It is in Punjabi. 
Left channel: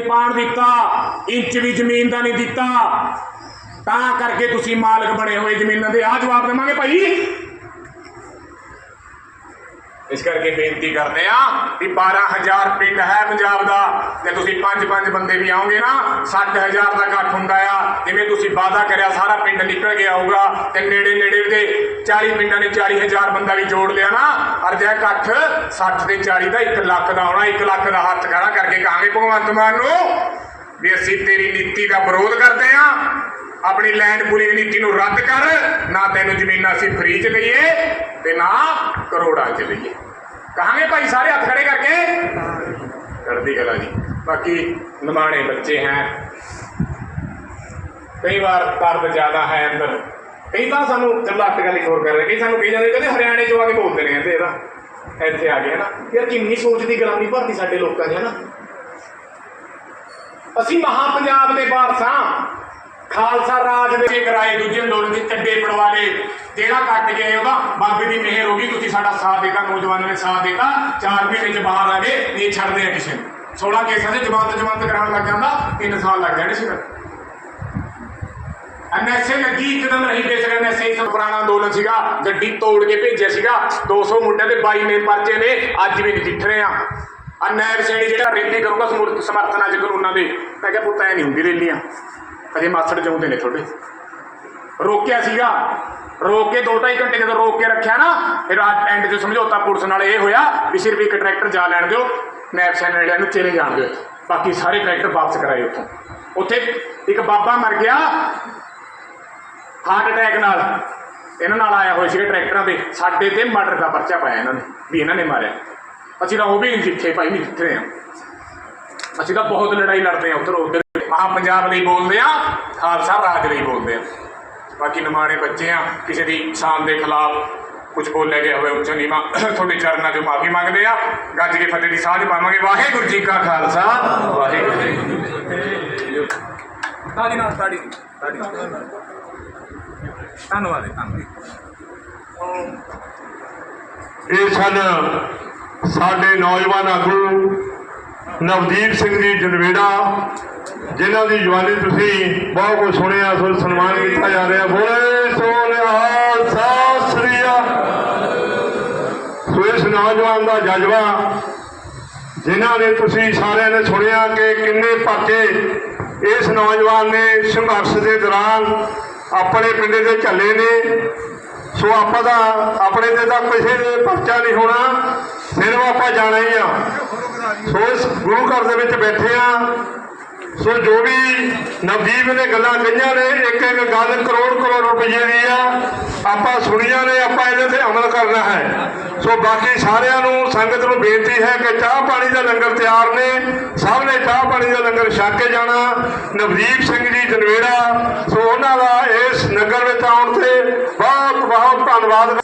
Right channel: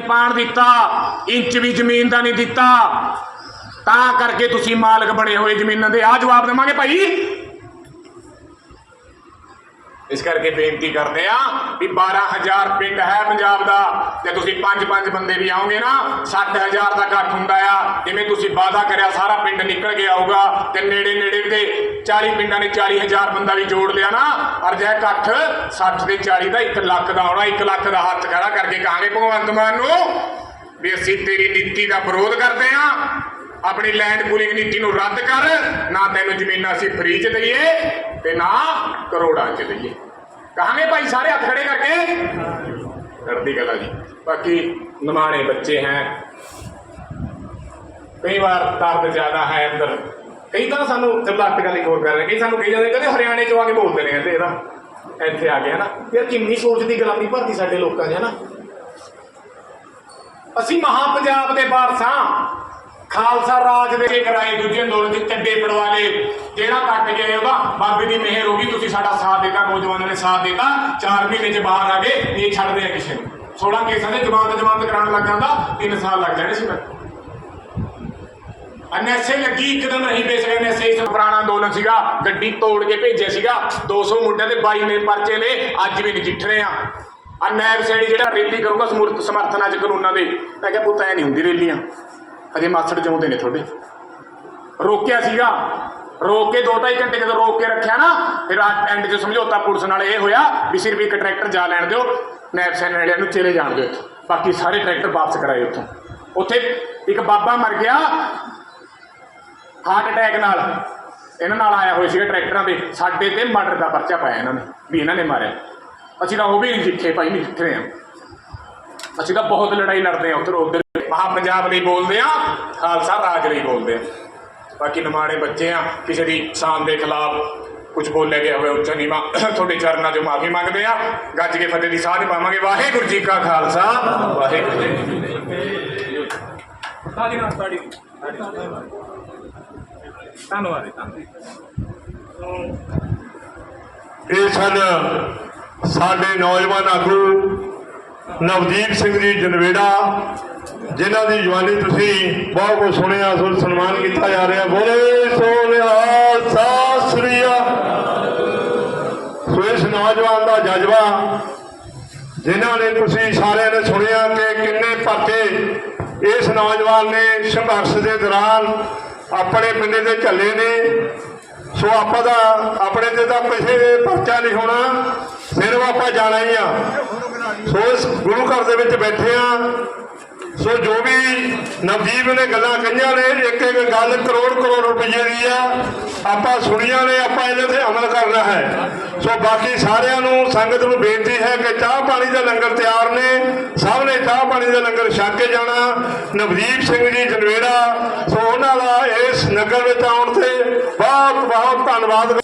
ਪਾਣ ਦਿੱਤਾ, ਇੰਚ ਵੀ ਜ਼ਮੀਨ ਦਾ ਨਹੀਂ ਦਿੱਤਾ। ਤਾਂ ਕਰਕੇ ਤੁਸੀਂ ਮਾਲਕ ਬਣੇ ਹੋਏ ਜ਼ਮੀਨਾਂ ਦੇ। ਆ ਜਵਾਬ ਦੇਵਾਂਗੇ ਭਾਈ। ਇਸ ਕਰਕੇ ਬੇਨਤੀ ਕਰਦੇ ਆ ਵੀ 12000 ਪਿੰਡ ਹੈ ਪੰਜਾਬ ਦਾ। ਜੇ ਤੁਸੀਂ ਪੰਜ ਪੰਜ ਬੰਦੇ ਵੀ ਆਓਗੇ ਨਾ 60000 ਦਾ ਇਕੱਠ ਹੁੰਦਾ ਆ। ਜਿਵੇਂ ਤੁਸੀਂ ਵਾਅਦਾ ਕਰਿਆ, ਸਾਰਾ ਪਿੰਡ ਨਿਕਲ ਗਿਆ ਹੋਊਗਾ ਤੇ ਨੇੜੇ ਨੇੜੇ ਦੇ 40 ਪਿੰਡਾਂ ਨੇ 40000 ਬੰਦਾ ਵੀ ਜੋੜ ਲਿਆ ਨਾ ਪਰ ਜੇ ਇਕੱਠ 60 ਤੇ 40 ਦਾ 1 ਲੱਖ ਦਾ ਆਉਣਾ 1 ਲੱਖ ਦਾ ਹੱਥ ਖੜਾ ਕਰਕੇ ਕਹਾਂਗੇ ਭਗਵੰਤ ਮਾਨ ਨੂੰ ਵੀ ਅਸੀਂ ਤੇਰੀ ਨੀਤੀ ਦਾ ਵਿਰੋਧ ਕਰਦੇ ਆ ਆਪਣੀ ਲੈਂਡ ਪੂਲਿੰਗ ਨੀਤੀ ਨੂੰ ਰੱਦ ਕਰ, ਨਾ ਤੈਨੂੰ ਜ਼ਮੀਨਾਂ ਅਸੀਂ ਫ੍ਰੀ ਚ ਦਈਏ ਤੇ ਨਾ ਕਰੋੜਾਂ ਚ ਦਈਏ। ਕਹਾਂਗੇ ਭਾਈ ਸਾਰੇ ਹੱਥ ਖੜੇ ਕਰਕੇ। ਕਰਦੀ ਗਲਾ ਜੀ। ਬਾਕੀ ਨਿਮਾਣੇ ਬੱਚੇ ਹੈ। ਕਈ ਵਾਰ ਦਰਦ ਜ਼ਿਆਦਾ ਹੈ ਅੰਦਰ। ਕਈ ਤਾਂ ਸਾਨੂੰ ਚੱਲ ਅੱਟ ਗੱਲ ਇੱਕ ਹੋਰ ਕਰ ਰਹੇ ਕਈ ਸਾਨੂੰ ਕਹੀ ਜਾਂਦੇ ਕਹਿੰਦੇ ਹਰਿਆਣੇ ਚੋਂ ਆ ਕੇ ਬੋਲਦੇ ਨੇ ਕਹਿੰਦੇ ਇਹਦਾ। ਇੱਥੇ ਆ ਗਿਆ ਨਾ ਯਾਰ ਕਿੰਨੀ ਸੋਚ ਦੀ ਗੁਲਾਮੀ ਭਰਤੀ ਸਾਡੇ ਲੋਕਾਂ 'ਚ ਹੈ ਨਾ ਅਸੀਂ ਮਹਾ ਪੰਜਾਬ ਦੇ ਵਾਰਸਾਂ ਖਾਲਸਾ ਰਾਜ ਦੇ ਕਰਾਏ ਦੂਜੇ ਅੰਦੋਲਨ ਦੇ ਚੱਡੇ ਪੜਵਾ ਲਏ। ਜਿਹੜਾ ਕੱਟ ਗਏ ਉਹਦਾ ਬਾਬੇ ਦੀ ਮਿਹਰ ਹੋ ਗਈ, ਤੁਸੀਂ ਸਾਡਾ ਸਾਥ ਦਿੱਤਾ, ਨੌਜਵਾਨਾਂ ਨੇ ਸਾਥ ਦਿੱਤਾ। 4 ਮਹੀਨੇ ਚ ਬਾਹਰ ਆ ਗਏ ਇਹ ਛੱਡਦੇ ਆ ਕਿਸੇ ਨੂੰ। 16 ਕੇਸਾਂ ਦੇ ਜ਼ਮਾਨਤ ਜ਼ਮਾਨਤ ਕਰਾਉਣ ਲੱਗ ਜਾਂਦਾ 3 ਸਾਲ ਲੱਗ ਜਾਣੇ ਸੀ ਫਿਰ। ਐਨਐਸਏ ਲੱਗੀ ਇੱਕਦਮ ਰਹੀ ਬੇਸ਼ੱਕ ਐਨਐਸਏ ਸਭ ਪੁਰਾਣਾ ਅੰਦੋਲਨ ਸੀਗਾ, ਗੱਡੀ ਤੋੜ ਕੇ ਭੇਜਿਆ ਸੀਗਾ। 200 ਮੁੰਡਿਆਂ ਦੇ 22 ਨੇ ਪਰਚੇ ਨੇ ਅੱਜ ਵੀ ਨਜਿੱਠ ਰਹੇ ਆ। ਆ ਨੈਬ ਸੈਣੀ ਜਿਹੜਾ ਰੈਲੀ ਕਰੂਗਾ ਸਮੂਰਤ ਸਮਰਥਨਾਂ ਚ ਕਾਨੂੰਨਾਂ ਦੇ। ਮੈਂ ਕਿਹਾ ਪੁੱਤ, ਐ ਨਹੀਂ ਹੁੰਦੀ ਰੈਲੀਆਂ। ਅਜੇ ਮਾਸੜ ਚਾਹੁੰਦੇ ਨੇ ਤੁਹਾਡੇ। ਰੋਕਿਆ ਸੀਗਾ। ਰੋਕ ਕੇ 2.5 ਘੰਟੇ ਜਦੋਂ ਰੋਕ ਕੇ ਰੱਖਿਆ ਨਾ, ਫਿਰ ਐਂਡ 'ਚ ਸਮਝੌਤਾ ਪੁਲਿਸ ਨਾਲ ਇਹ ਹੋਇਆ ਵੀ ਸਿਰਫ ਇੱਕ ਟਰੈਕਟਰ ਜਾ ਲੈਣ ਦਿਓ, ਨੈਬ ਸੈਨ ਵਾਲਿਆਂ ਨੂੰ ਚਲੇ ਜਾਣ ਦਿਓ ਬਾਕੀ ਸਾਰੇ ਟਰੈਕਟਰ ਵਾਪਸ ਕਰਾਏ ਉੱਥੋਂ। ਉੱਥੇ ਇੱਕ ਬਾਬਾ ਮਰ ਗਿਆ ਹਾਰਟ ਅਟੈਕ ਨਾਲ। ਇਹਨਾਂ ਨਾਲ ਆਇਆ ਹੋਇਆ ਸੀਗਾ ਟਰੈਕਟਰਾਂ ਦੇ ਸਾਡੇ ਤੇ ਮਰਡਰ ਦਾ ਪਰਚਾ ਪਾਇਆ ਇਹਨਾਂ ਨੇ, ਵੀ ਇਹਨਾਂ ਨੇ ਮਾਰਿਆ। ਅਸੀਂ ਤਾਂ ਉਹ ਵੀ ਨਹੀਂ ਜਿੱਥੇ ਭਾਈ ਨਹੀਂ ਜਿੱਥੇ ਆ। ਅਸੀਂ ਤਾਂ ਬਹੁਤ ਲੜਾਈ ਲੜਦੇ ਆ ਉਧਰ ਉਧਰ ਮਹਾ ਪੰਜਾਬ ਲਈ ਬੋਲਦੇ ਆ ਖਾਲਸਾ ਰਾਜ ਲਈ ਬੋਲਦੇ ਆ। ਬਾਕੀ ਨਿਮਾਣੇ ਬੱਚੇ ਆ ਕਿਸੇ ਦੀ ਸ਼ਾਨ ਦੇ ਖਿਲਾਫ ਕੁਝ ਬੋਲਿਆ ਗਿਆ ਹੋਵੇ ਉੱਚਾ ਨੀਵਾਂ ਤੁਹਾਡੇ ਚਰਨਾਂ 'ਚ ਮਾਫੀ ਮੰਗਦੇ ਆ। ਗੱਜ ਕੇ ਫਤਿਹ ਦੀ ਸਾਂਝ ਪਾਵਾਂਗੇ। ਵਾਹਿਗੁਰੂ ਜੀ ਕਾ ਖਾਲਸਾ। ਵਾਹਿਗੁਰੂ ਜੀ ਕੀ ਫਤਿਹ। ਸਾਡੀ ਨਾਲ ਸਾਡੀ ਸਾਡੀ। ਧੰਨਵਾਦ ਜੀ, ਧੰਨਵਾਦ। ਇਹ ਸਨ ਸਾਡੇ ਨੌਜਵਾਨ ਆਗੂ ਨਵਦੀਪ ਸਿੰਘ ਜੀ ਜਨਵੇੜਾ ਜਿਨ੍ਹਾਂ ਦੀ ਜਵਾਨੀ ਤੁਸੀਂ ਬਹੁਤ ਕੁਝ ਸੁਣਿਆ ਸੋ ਸਨਮਾਨ ਕੀਤਾ ਜਾ ਰਿਹਾ। ਬੋਲੇ ਸੋਨਿਹਾਲ ਸਤਿ ਸ੍ਰੀ ਅਕਾਲ ਨੌਜਵਾਨ ਦਾ ਜਜ਼ਬਾ, ਜਿਨ੍ਹਾਂ ਨੇ ਤੁਸੀਂ ਸਾਰਿਆਂ ਨੇ ਸੁਣਿਆ ਕਿ ਕਿੰਨੇ ਪਰਚੇ ਇਸ ਨੌਜਵਾਨ ਨੇ ਸੰਘਰਸ਼ ਦੇ ਦੌਰਾਨ ਆਪਣੇ ਪਿੰਡੇ ਦੇ ਝੱਲੇ ਨੇ। ਸੋ ਆਪਾਂ ਦਾ ਆਪਣੇ ਤੇ ਤਾਂ ਕਿਸੇ ਦੇ ਪਰਚਾ ਨਹੀਂ ਹੋਣਾ, ਸਿਰਫ ਆਪਾਂ ਜਾਣਾ ਹੀ ਆ। ਸੋ ਇਸ ਗੁਰੂ ਘਰ ਦੇ ਵਿੱਚ ਬੈਠੇ ਆ। ਸੋ ਜੋ ਵੀ ਨਵਦੀਪ ਨੇ ਗੱਲਾਂ ਕਹੀਆਂ ਨੇ ਇੱਕ ਇੱਕ ਗੱਲ ਕਰੋੜ ਕਰੋੜ ਰੁਪਈਏ ਦੀ ਆ। ਆਪਾਂ ਸੁਣੀਆਂ ਨੇ ਆਪਾਂ ਇਹਨਾਂ ਤੇ ਅਮਲ ਕਰਨਾ ਹੈ। ਸੋ ਬਾਕੀ ਸਾਰਿਆਂ ਨੂੰ ਸੰਗਤ ਨੂੰ ਬੇਨਤੀ ਹੈ ਕਿ ਚਾਹ ਪਾਣੀ ਦਾ ਲੰਗਰ ਤਿਆਰ ਨੇ। ਸਭ ਨੇ ਚਾਹ ਪਾਣੀ ਦਾ ਲੰਗਰ ਛਕ ਕੇ ਜਾਣਾ। ਨਵਦੀਪ ਸਿੰਘ ਜੀ ਜਨਵੇੜਾ ਸੋ ਉਹਨਾਂ ਦਾ ਇਸ ਨਗਰ ਵਿੱਚ ਆਉਣ ਤੇ ਬਹੁਤ ਬਹੁਤ ਧੰਨਵਾਦ।